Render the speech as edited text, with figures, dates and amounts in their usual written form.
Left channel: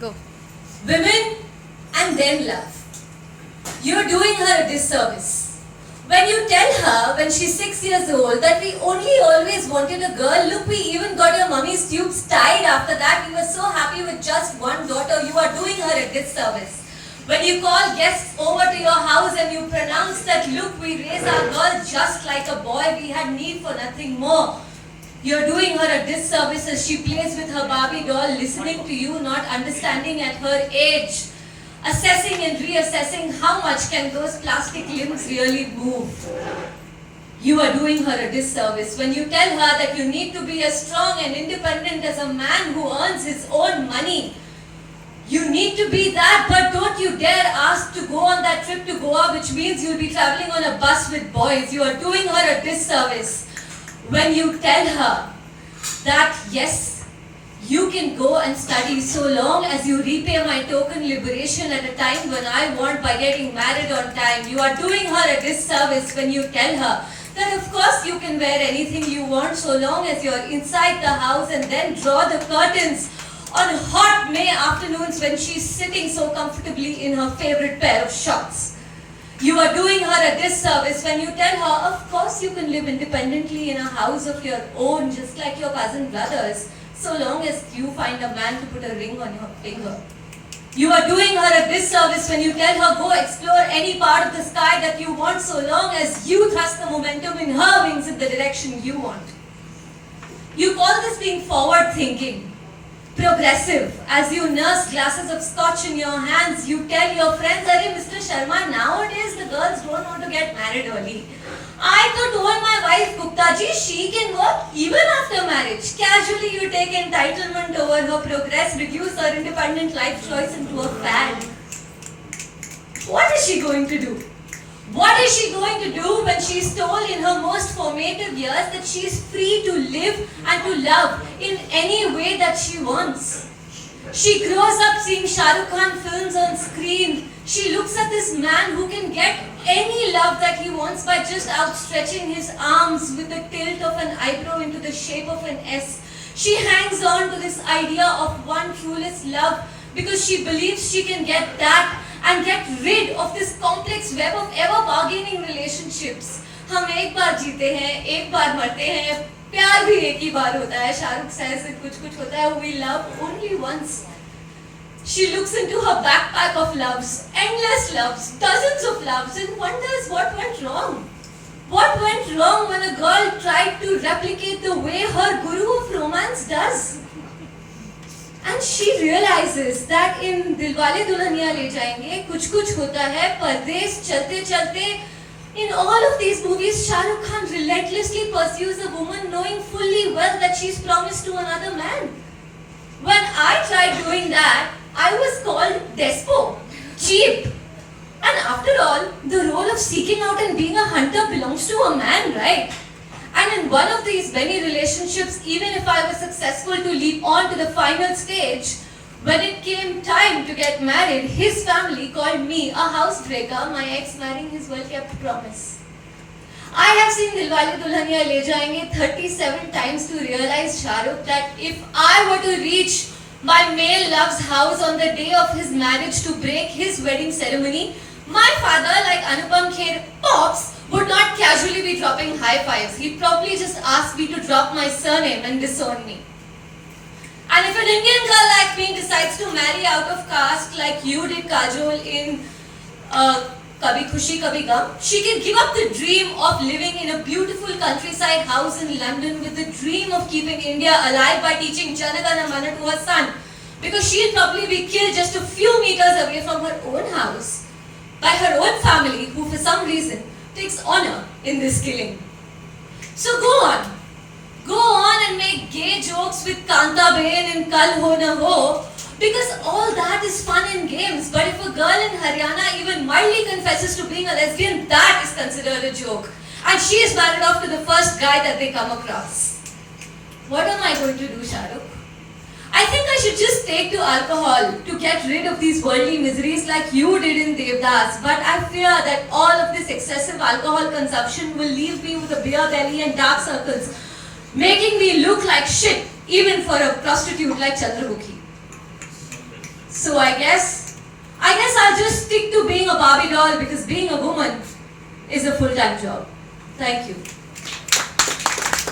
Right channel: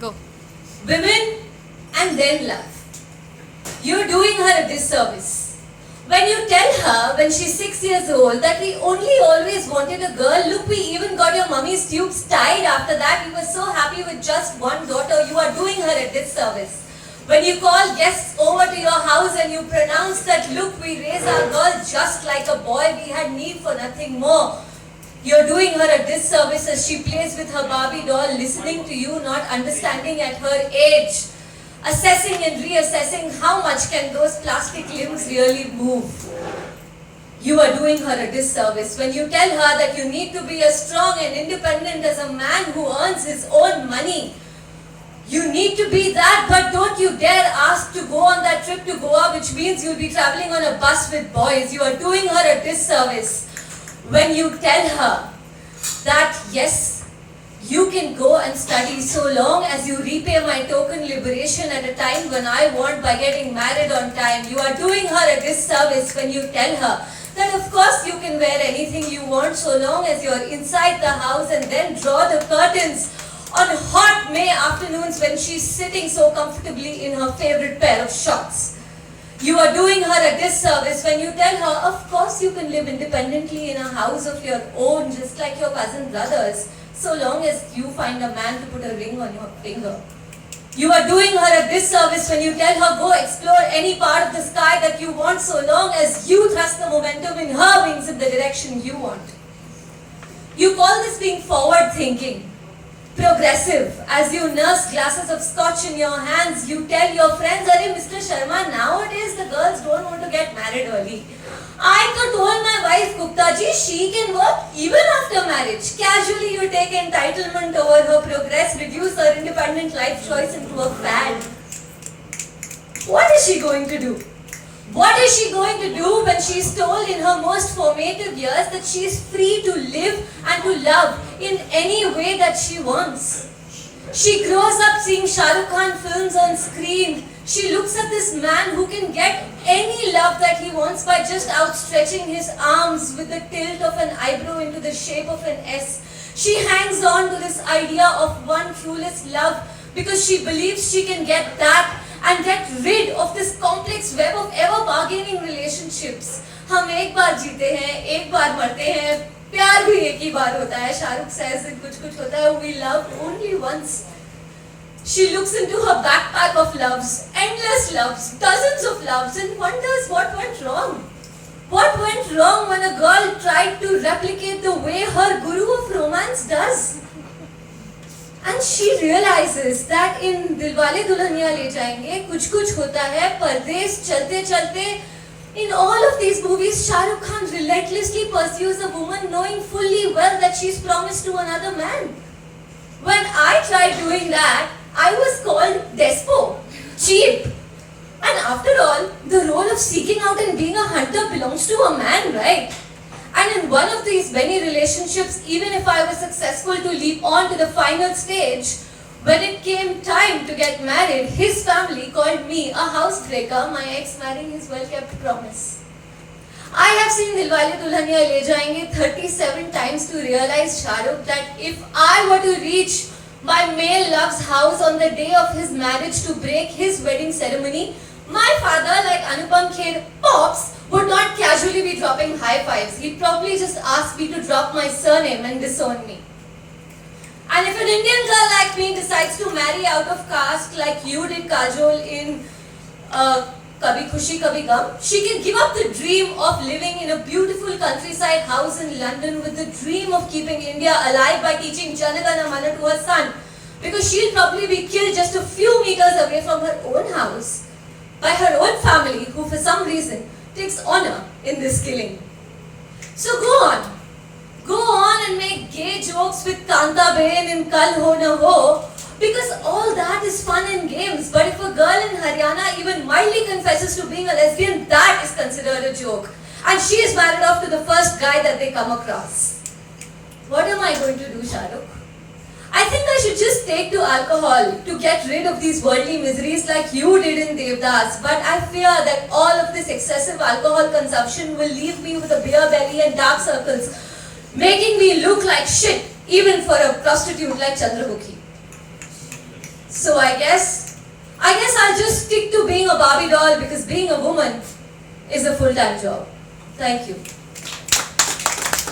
Go. Women and then love. You're doing her a disservice. When you tell her when she's 6 years old that we only always wanted a girl, look, we even got your mummy's tubes tied after that. We were so happy with just one daughter. You are doing her a disservice. When you call guests over to your house and you pronounce that, look, we raise our girl just like a boy, we had need for nothing more. You're doing her a disservice as she plays with her Barbie doll, listening to you, not understanding at her age. Assessing and reassessing how much can those plastic limbs really move. You are doing her a disservice when you tell her that you need to be as strong and independent as a man who earns his own money. You need to be that, but don't you dare ask to go on that trip to Goa, which means you'll be traveling on a bus with boys. You are doing her a disservice when you tell her that yes, you can go and study so long as you repay my token liberation at a time when I want by getting married on time. You are doing her a disservice when you tell her that of course you can wear anything you want so long as you're inside the house, and then draw the curtains on hot May afternoons when she's sitting so comfortably in her favorite pair of shorts. You are doing her a disservice when you tell her, of course you can live independently in a house of your own just like your cousin brothers, so long as you find a man to put a ring on your finger. You are doing her a disservice when you tell her, go explore any part of the sky that you want so long as you thrust the momentum in her wings in the direction you want. You call this being forward thinking, progressive. As you nurse glasses of scotch in your hands, you tell your friends, Arey Mr. Sharma, nowadays the girls don't want to get married early. I told my wife Gupta ji, she can work even after marriage. Casually you take entitlement over her progress, reduce her independent life choice into a fad. What is she going to do? What is she going to do when she is told in her most formative years that she is free to live and to love in any way that she wants? She grows up seeing Shah Rukh Khan films on screen. She looks at this man who can get any love that he wants by just outstretching his arms with the tilt of an eyebrow into the shape of an S. She hangs on to this idea of one truest love because she believes she can get that and get rid of this complex web of ever bargaining relationships. हम एक बार जीते हैं, एक बार मरते हैं, प्यार भी एक ही बार होता है. शाहरुख says it कुछ होता है. We love only once. She looks into her backpack of loves, endless loves, dozens of loves, and wonders what went wrong. What went wrong when a girl tried to replicate the way her guru of romance does? And she realizes that in Dilwale Dulhaniya Le Jayenge, kuch hota hai, Pardesh, Chalte Chalte, in all of these movies, Shah Rukh Khan relentlessly pursues a woman knowing fully well that she's promised to another man. When I tried doing that, I was called despo, cheap. And after all, the role of seeking out and being a hunter belongs to a man, right? And in one of these many relationships, even if I was successful to leap on to the final stage, when it came time to get married, his family called me a housebreaker, my ex marrying his well-kept promise. I have seen Dilwale Dulhaniya Le Jayenge 37 times to realize, Shahrukh, that if I were to reach my male love's house on the day of his marriage to break his wedding ceremony, my father, like Anupam Kher Pops, would not casually be dropping high fives. He'd probably just ask me to drop my surname and disown me. And if an Indian girl like me decides to marry out of caste like you did, Kajol, in Kabhi Khushi Kabhi Gum, she can give up the dream of living in a beautiful countryside house in London with the dream of keeping India alive by teaching Janagana Mana to her son, because she'll probably be killed just a few meters away from her own house by her own family, who for some reason takes honor in this killing. So go on and make gay jokes with Kanta Bain and Kal Ho Na Ho, because all that is fun in games. But if a girl in Haryana even mildly confesses to being a lesbian, that is considered a joke. And she is married off to the first guy that they come across. What am I going to do, Shahrukh? I think I should just take to alcohol to get rid of these worldly miseries like you did in Devdas. But I fear that all of this excessive alcohol consumption will leave me with a beer belly and dark circles, making me look like shit even for a prostitute like Chandramukhi. So I guess I'll just stick to being a Barbie doll because being a woman is a full-time job. Thank you.